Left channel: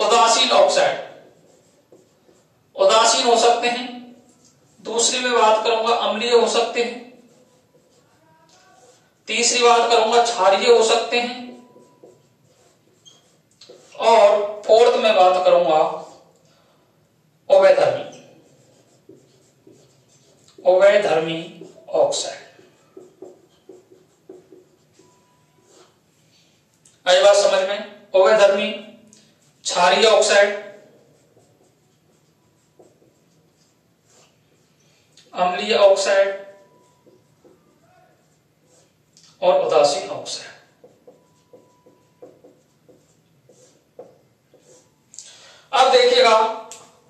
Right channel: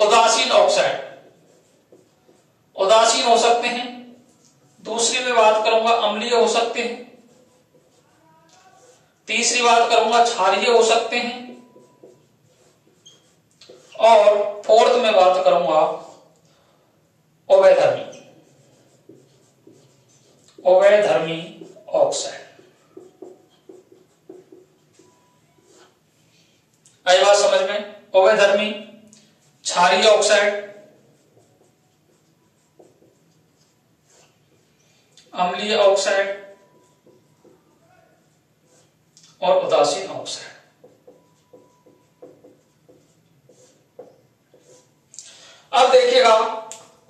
उदासीन ऑक्साइड, उदासीन हो सकते हैं। दूसरी में बात करूंगा अम्लीय हो सकते हैं। तीसरी बात करूंगा क्षारीय हो सकते हैं। और फोर्थ में बात करूंगा उभयधर्मी, उभयधर्मी ऑक्साइड। आई बात समझ में? उभयधर्मी, क्षारीय ऑक्साइड, अम्लीय ऑक्साइड और उदासीन ऑक्साइड। अब देखिएगा,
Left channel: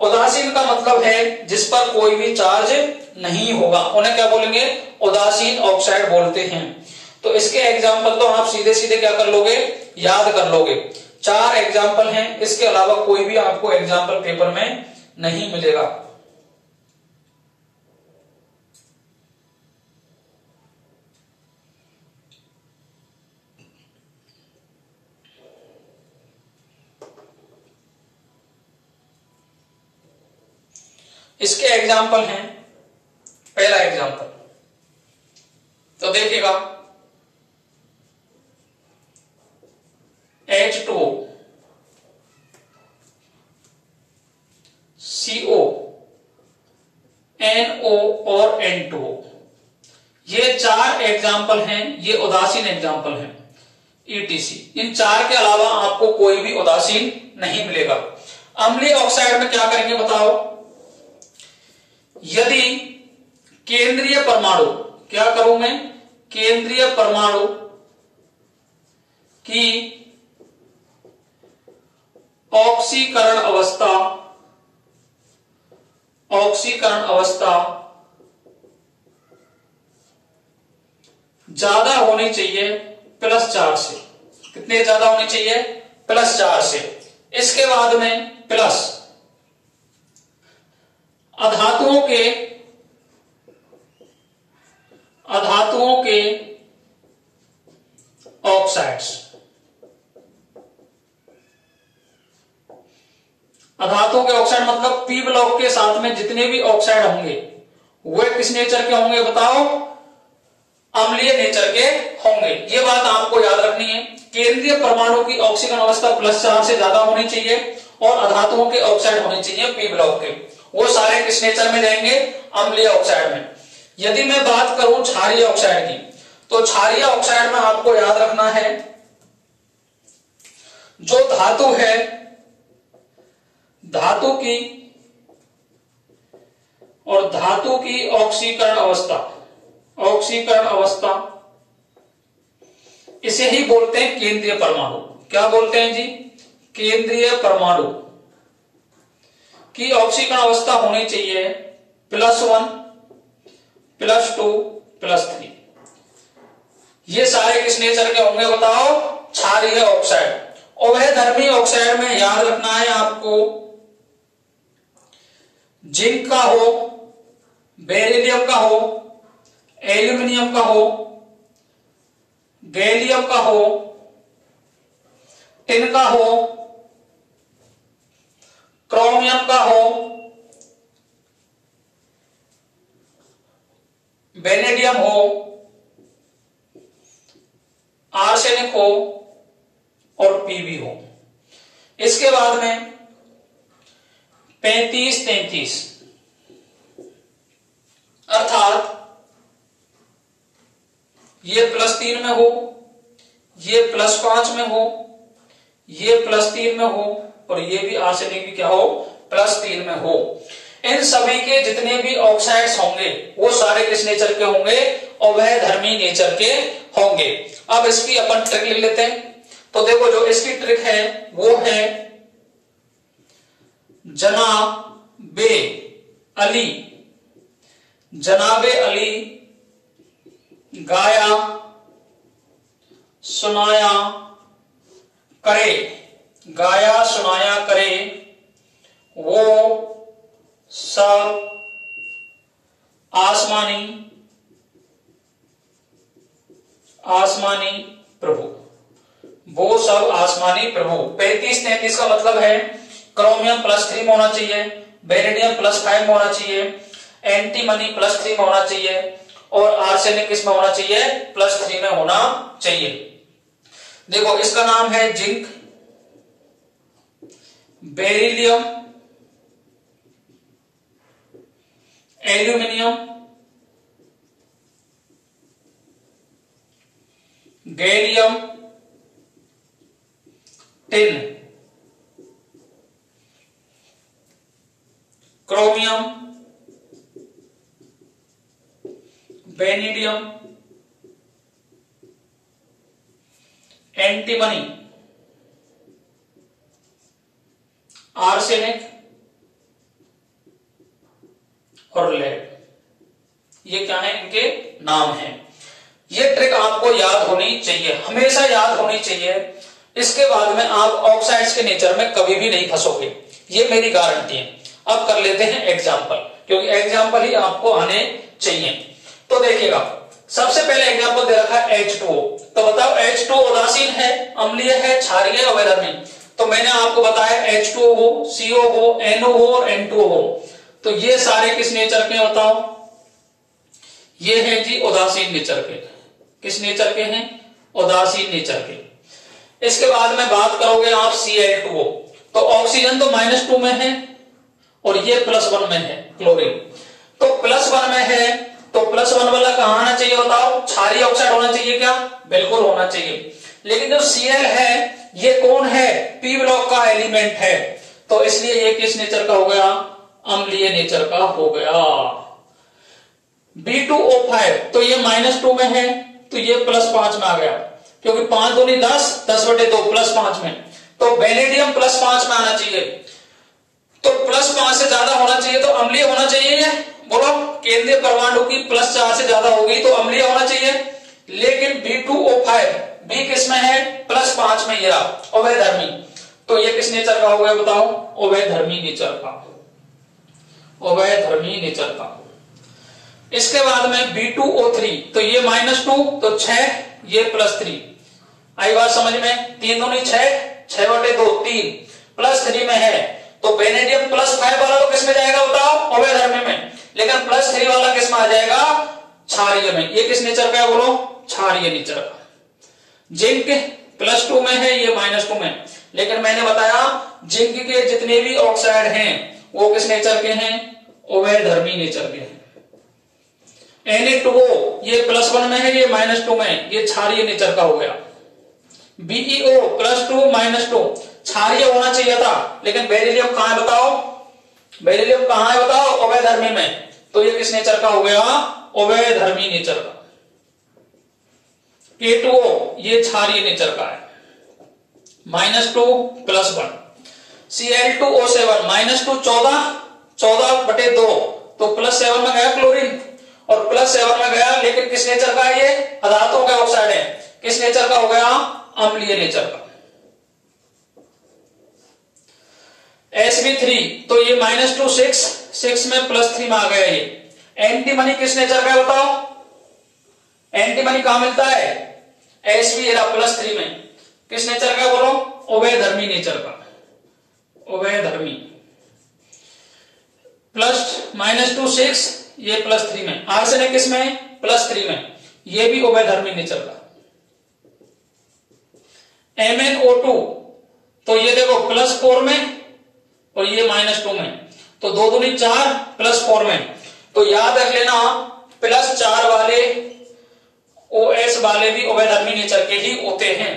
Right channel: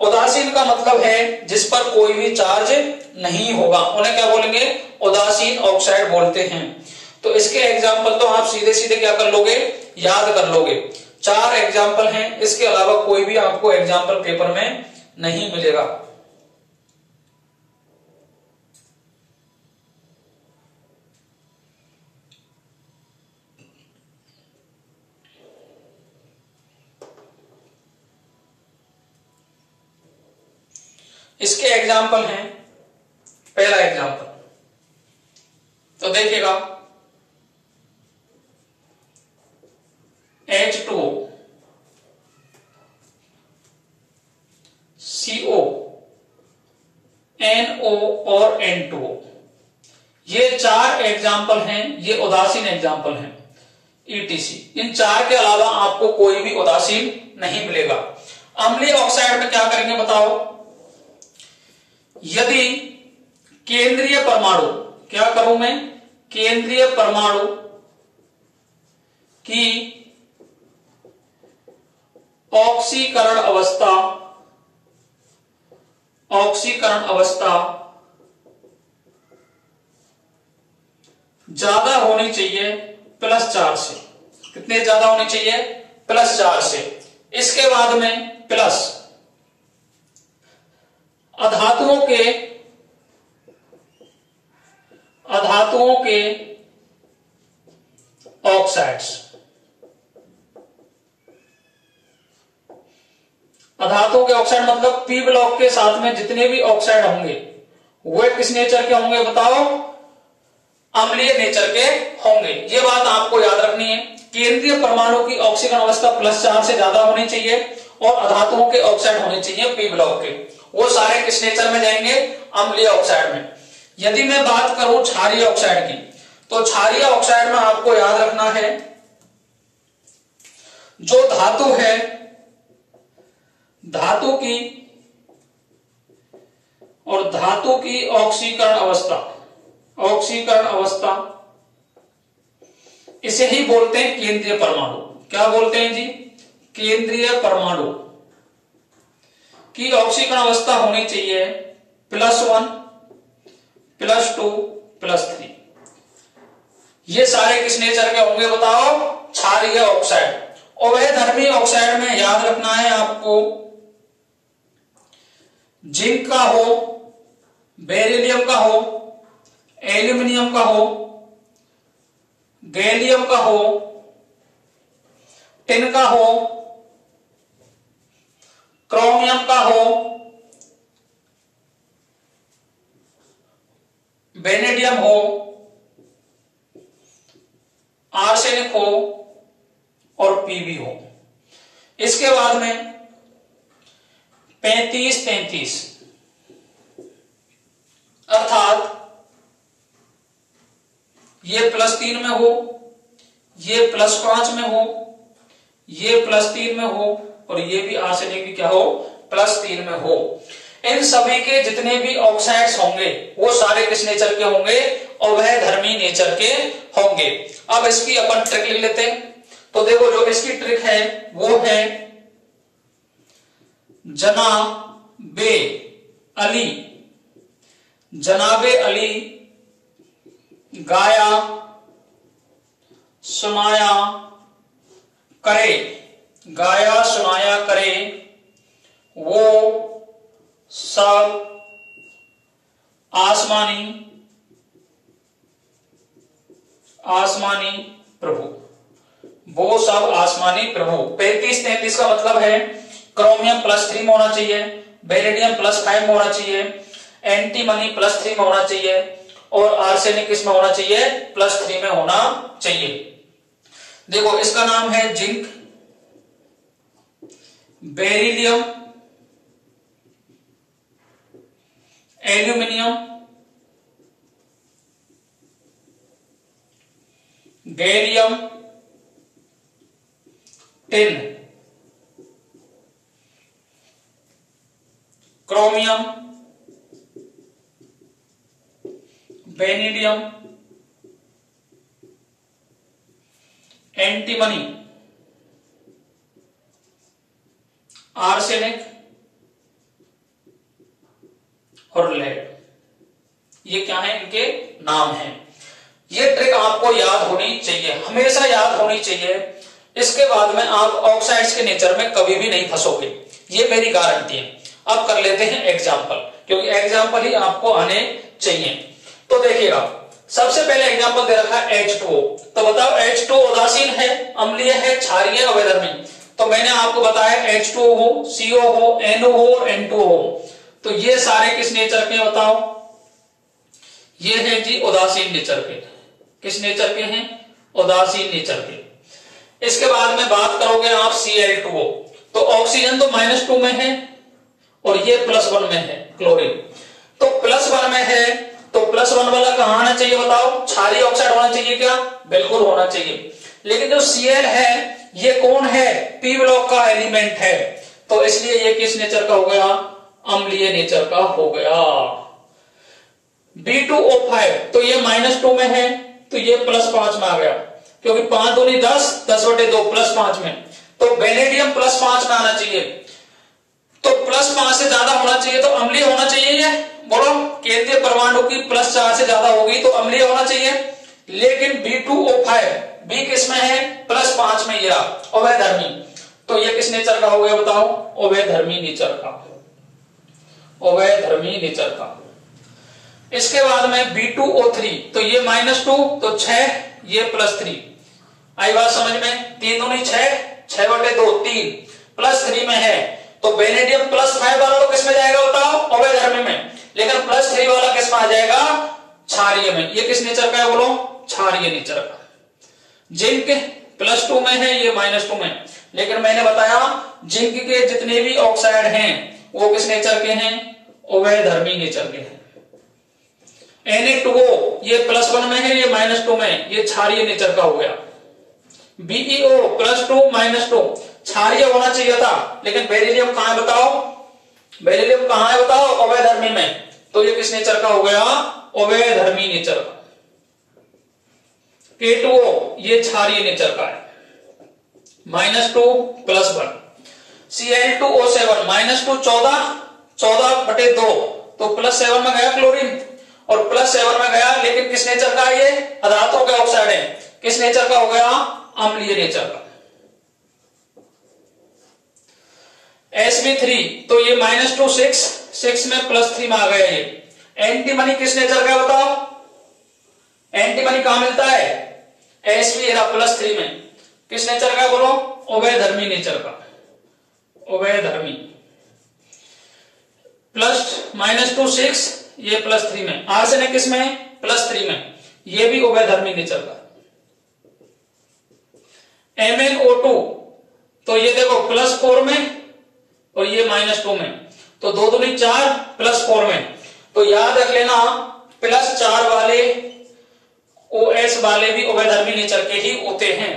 उदासीन का मतलब है जिस पर कोई भी चार्ज नहीं होगा, उन्हें क्या बोलेंगे? उदासीन ऑक्साइड बोलते हैं। तो इसके एग्जाम्पल तो आप सीधे सीधे क्या कर लोगे? याद कर लोगे। 4 एग्जाम्पल हैं, इसके अलावा कोई भी आपको एग्जाम्पल पेपर में नहीं मिलेगा। इसके एग्जाम्पल हैं, पहला एग्जाम्पल तो देखिएगा, H2O, CO, NO और N2O, ये 4 एग्जाम्पल हैं, ये उदासीन एग्जाम्पल हैं। ETC, इन 4 के अलावा आपको कोई भी उदासीन नहीं मिलेगा। अम्लीय ऑक्साइड में क्या करेंगे बताओ? यदि केंद्रीय परमाणु, क्या करूं मैं? केंद्रीय परमाणु की ऑक्सीकरण अवस्था, ऑक्सीकरण अवस्था ज्यादा होनी चाहिए +4 से। कितने ज्यादा होनी चाहिए? +4 से। इसके बाद में प्लस अधातुओं के ऑक्साइड्स, अधातुओं के ऑक्साइड मतलब पी ब्लॉक के साथ में जितने भी ऑक्साइड होंगे वे किस नेचर के होंगे बताओ? अम्लीय नेचर के होंगे। ये बात आपको याद रखनी है। केंद्रीय परमाणु की ऑक्सीकरण अवस्था +4 से ज्यादा होनी चाहिए और अधातुओं के ऑक्साइड होने चाहिए पी ब्लॉक के। वो सारे किस नेचर में जाएंगे? अम्लीय ऑक्साइड में। यदि मैं बात करूं क्षारीय ऑक्साइड की, तो क्षारीय ऑक्साइड में आपको याद रखना है, जो धातु है, धातु की और धातु की ऑक्सीकरण अवस्था, ऑक्सीकरण अवस्था, इसे ही बोलते हैं केंद्रीय परमाणु। क्या बोलते हैं जी? केंद्रीय परमाणु की ऑक्सीकरण अवस्था होनी चाहिए +1, +2, +3। ये सारे किस नेचर के होंगे बताओ? क्षारीय ऑक्साइड। उभयधर्मी ऑक्साइड में याद रखना है आपको, जिंक का हो, बेरिलियम का हो, एल्यूमिनियम का हो, गैलियम का हो, टिन का हो, क्रोमियम का हो, वेनेडियम हो, आर्सेनिक हो और पीबी हो। इसके बाद में 35-33, अर्थात ये +3 में हो, ये +5 में हो, ये +3 में हो और ये भी आर्सेनिक भी क्या हो? +3 में हो। इन सभी के जितने भी ऑक्साइड्स होंगे वो सारे किस नेचर के होंगे? उभयधर्मी नेचर के होंगे। अब इसकी अपन ट्रिक लिख लेते हैं। तो देखो, जो इसकी ट्रिक है वो है जनाबे अली, जनाबे अली गाया सुनाया करे, गाया सुनाया करे वो सब आसमानी, आसमानी प्रभु। वो सब आसमानी प्रभु। 35-33 का मतलब है क्रोमियम +3 में होना चाहिए, बेरिलियम +5 में होना चाहिए, एंटीमनी +3 में होना चाहिए और आर्सेनिक किसमें होना चाहिए? +3 में होना चाहिए। देखो इसका नाम है zinc, beryllium, aluminium, gallium, tin, chromium, beryllium, antimony, arsenic और लेड। ये क्या है? इनके नाम हैं। ये ट्रिक आपको याद होनी चाहिए, हमेशा याद होनी चाहिए। इसके बाद में आप ऑक्साइड्स के नेचर में कभी भी नहीं फंसोगे, ये मेरी गारंटी है। अब कर लेते हैं एग्जाम्पल, क्योंकि एग्जाम्पल ही आपको आने चाहिए। तो देखिएगा, सबसे पहले एग्जाम्पल दे रखा है H2O। तो बताओ H2O उदासीन है, अम्लीय है, क्षारीय, अवैधर्मी? तो मैंने आपको बताया H2O हो, CO हो, NO हो और N2O हो। तो ये सारे किस नेचर के बताओ? ये है जी उदासीन नेचर के। किस नेचर के हैं? उदासीन नेचर के। इसके बाद में बात करोगे आप Cl2O। तो ऑक्सीजन तो -2 में है और ये +1 में है, क्लोरीन। तो +1 में है तो +1 वाला कहां आना चाहिए बताओ? क्षारीय ऑक्साइड होना चाहिए क्या? बिल्कुल होना चाहिए। लेकिन जो Cl है ये कौन है? P ब्लॉक का एलिमेंट है, तो इसलिए ये किस नेचर का हो गया? अम्लीय नेचर का हो गया। B2O5 तो ये -2 में है तो ये +5 में आ गया, क्योंकि 5 दूनी 10, 10/2 +5 में। तो बेनेडियम +5 में आना चाहिए। तो +5 से ज्यादा होना चाहिए तो अम्लीय होना चाहिए। बोलो, केंद्रीय परमाणु की +4 से ज्यादा होगी तो अम्लीय होना चाहिए। लेकिन B2O5 B किसमें है? +5 में, ये अवैधर्मी। तो ये किस नेचर का हो गया बताओ? अवैधर्मी नेचर का, अवैधर्मी नेचर का। इसके बाद में B2O3 तो ये -2 तो 6, ये +3। आई बात समझ में? 3 दूनी 6, 6/2 3, +3 में है तो बेनेडियम +5 वाला तो किस में जाएगा बताओ? अवैधर्मी में। लेकिन +3 वाला किस में आ जाएगा? क्षारीय में। ये किस नेचर का है बोलो? क्षारीय नेचर का। जिंक +2 में है, ये -2 में। लेकिन मैंने बताया जिंक के जितने भी ऑक्साइड हैं वो किस नेचर के हैं? अवैधर्मी नेचर के हैं। Na2O ये +1 में है, ये -2 में, ये क्षारीय नेचर का हो गया। BeO +2 -2 क्षारीय होना चाहिए था, लेकिन बेरिलियम कहां है बताओ? बेरिलियम कहां है बताओ? अवैधर्मी में। तो ये किस नेचर का हो गया? अवैधर्मी नेचर का। K2O ये क्षारीय नेचर का है, -2 +1। Cl2O7 -2 14/2 तो +7 में गया क्लोरीन और +7 में गया। लेकिन किस नेचर का है? ये पदार्थों के ऑक्साइड है। किस नेचर का हो गया? अम्लीय नेचर का। Sb3 तो ये -2 6 में +3 में आ गया। ये एंटीमनी किस नेचर का है बताओ? एंटीमनी कहां मिलता है? Sb +3 में। किस नेचर का बोलो? अवैधर्मी नेचर का, अवैधर्मी। -2 6 ये +3 में। आर्सेनिक किस में? +3 में, ये भी अवैधर्मी नेचर का। MnO2 तो ये देखो +4 में और ये -2 में, तो 2 दूनी 4 +4 में। तो याद रख लेना +4 वाले OS वाले भी अवैधर्मी नेचर के ही होते हैं।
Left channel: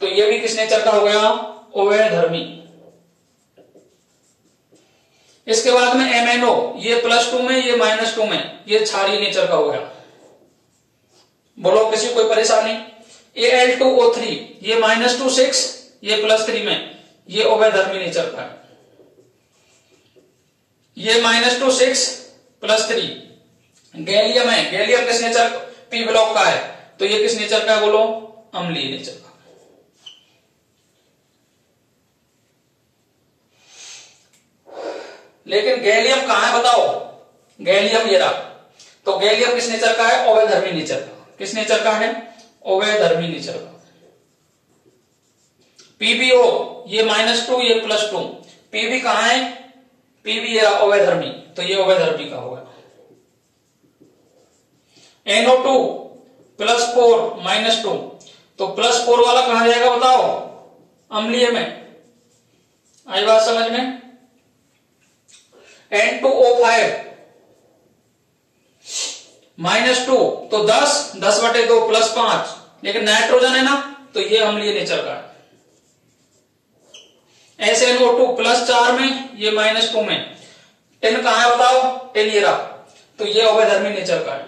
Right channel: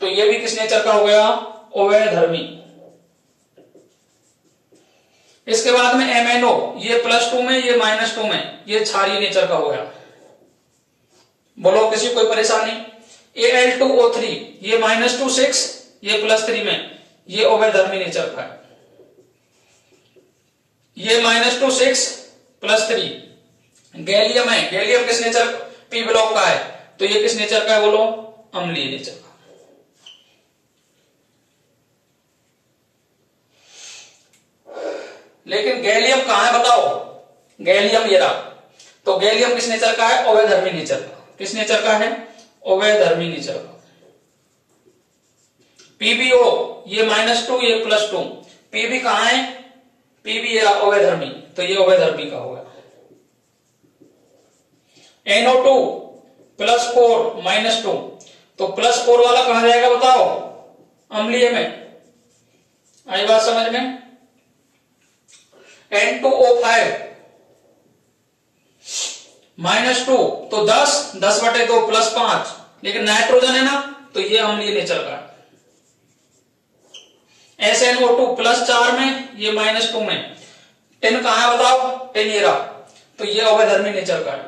तो ये भी किस नेचर का हो गया? अवैधर्मी। इसके बाद में MnO ये +2 में, ये -2 में, ये क्षारीय नेचर का हो गया। बोलो किसी कोई परेशानी? Al2O3 ये -2 6, ये +3 में, ये अवैधर्मी नेचर का है। ये -2 6 +3 गैलियम है। गैलियम किस नेचर? P ब्लॉक का है, तो ये किस नेचर का है बोलो? अम्लीय नेचर का। लेकिन गैलियम कहां है बताओ? गैलियम ये रहा। तो गैलियम किस नेचर का है? अवैधर्मी नेचर का। किस नेचर का है? अवैधर्मी नेचर का। PbO ये -2 ये +2, Pb कहाँ है, Pb ये अवैधर्मी, तो ये अवैधर्मी का होगा। NO2 +4 -2, तो +4 वाला कहां जाएगा बताओ, अम्लीय में, आई बात समझ में। N2O5 -2, तो 10/2 +5, लेकिन नाइट्रोजन है ना, तो ये अम्लीय नेचर का है। SNO2 +4 में, ये -2 में, टिन कहां है बताओ, टेनियरा, तो ये अवैधर्मी नेचर का है।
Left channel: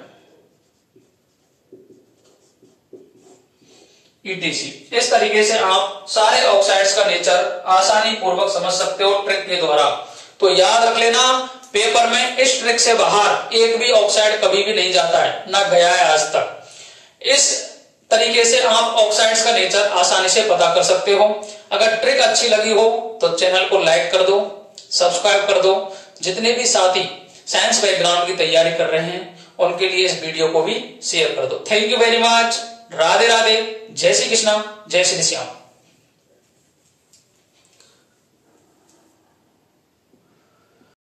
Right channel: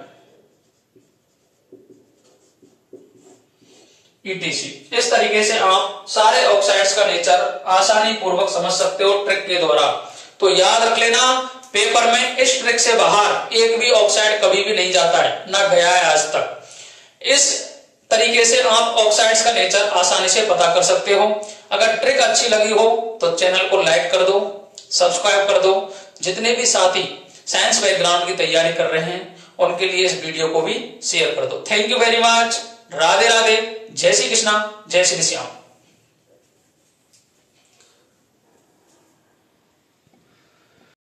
ETC। इस तरीके से आप सारे ऑक्साइड्स का नेचर आसानी पूर्वक समझ सकते हो ट्रिक के द्वारा। तो याद रख लेना, पेपर में इस ट्रिक से बाहर एक भी ऑक्साइड कभी भी नहीं जाता है, ना गया है आज तक। इस तरीके से आप ऑक्साइड्स का नेचर आसानी से पता कर सकते हो। अगर ट्रिक अच्छी लगी हो तो चैनल को लाइक कर दो, सब्सक्राइब कर दो। जितने भी साथी साइंस बैकग्राउंड की तैयारी कर रहे हैं उनके लिए इस वीडियो को भी शेयर कर दो। Thank you very much. Radhe Radhe, जय श्री कृष्णा, जय श्री श्याम।